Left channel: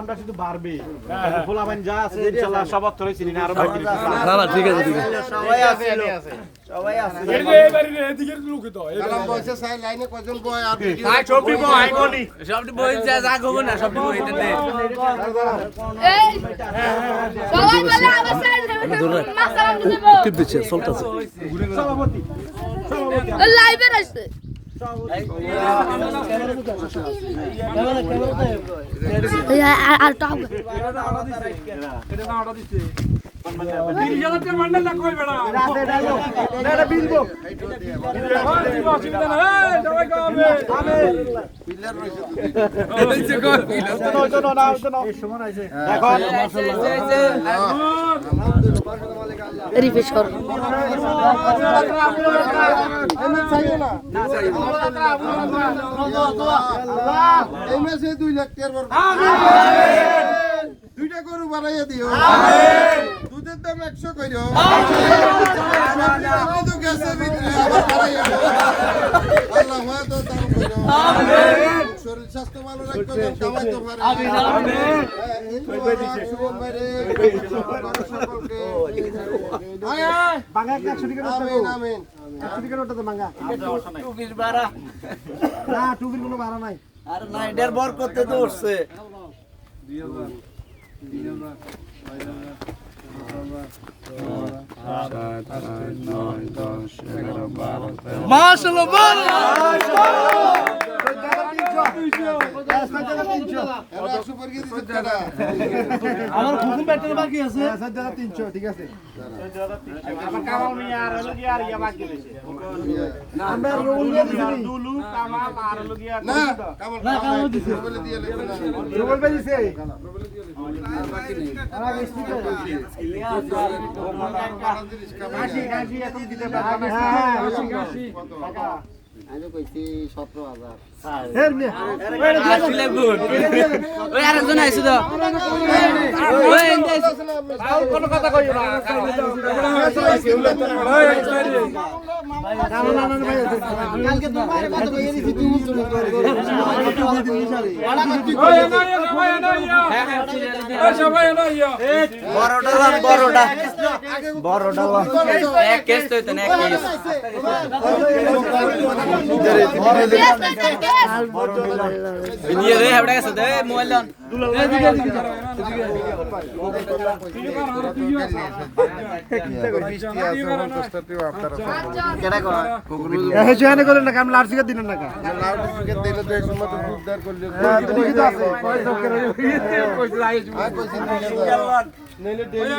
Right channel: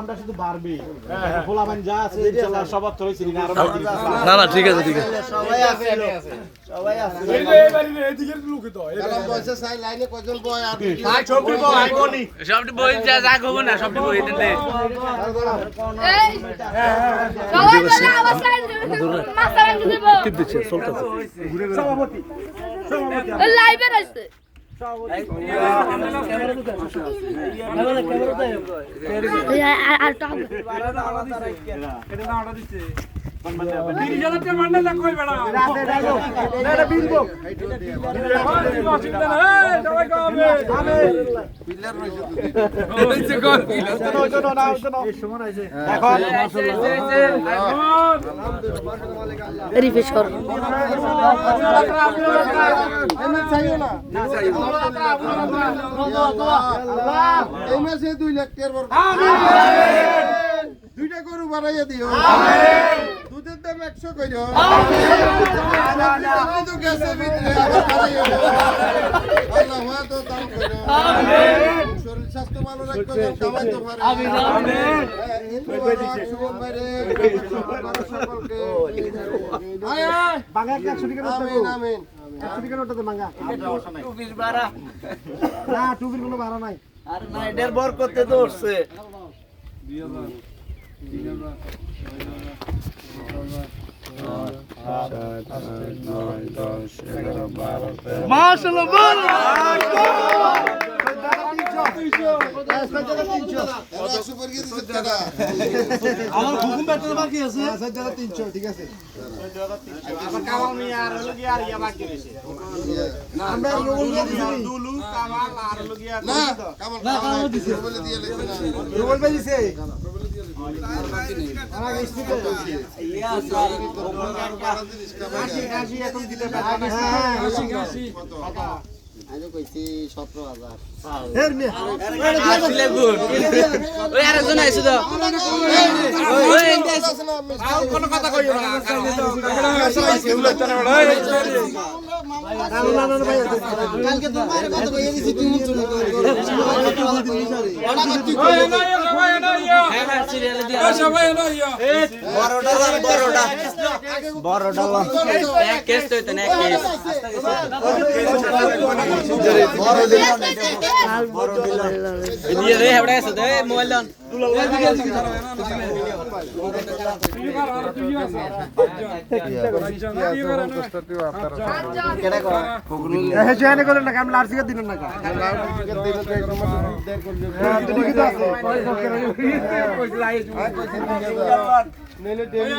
আমরা শুধু বাড়বে ফোলাবান যা আছে ইনশাআল্লাহ সব ধরেছি না আরো না না ঠিক আছে ঠিক আছে সবাই আছে সবাই আছে এদিকে লোক তো কালাম বলছে সাই লাইনে কয়জন বয় আর সাই ছবি বয় কোনি সবটি বই যা যা খবর না সবটি বই দিতে এই সবাই বলে আবার সাইড মাসালা দিব টিপ দিচ্ছে চলতেছে সভাপতি লাইভে আসছে আর টপ রিফ্রেশ কর এই মাসে 2 লাখ টাকার দুইটা গরু বাড়াইয়া দিও দুধের দাম 100 কইরো তো গ্যাসের ভিতরে আবার বাড়াইয়া দিও আল্লাহ ওয়া তো দাম কইরো শরীর স্বাস্থ্য ভালো রাখবে কামাই তো পারে শুভম ভাইরে সকলকে বাংলা একটা ছুটি করে আমিন আমিন ছুটি করে ওটা তো বাংলা টুপির বাড়া না টুপির কোনো বাড়া নাই আর না এটার বর করতে তো উঠছে আমার হুকুম বেটা বাকি আছে 300 ঠিক আছে আবার কামাল মিয়া আর হলো কি আর ইয়া বাকি রইছে না আমরা রুল দিছি দুলু কামাল আর হলো কি না কামাল দিছি বলে দিয়ে লেছে না রুল পে দিছে আর বাকি নেই আমার স্পিকার কাশি এখন দিতে পারবে হ্যাঁ কাশি টাকা আমি কইছি 17000 এর মিয়া ওইটা দিয়ে দিলে গুড ওই আরেকজন আইছে তো ওই কোন কথা কইও না কালকে তোর বাইরে কত কইয়ে দিছি তুই মুখ চলে বড়টা এক কেস তো এক কেস দিয়ে রে হেবড়া আছে দে মোবাইল দাও কেডা কো কোগুল এ জেনে করেন না কাম লার্সিকে দিন না কা লাউডস্পিকার দিলে তো এক সময় উদ্ধার করলে পয়সা করে নইলে ডেলি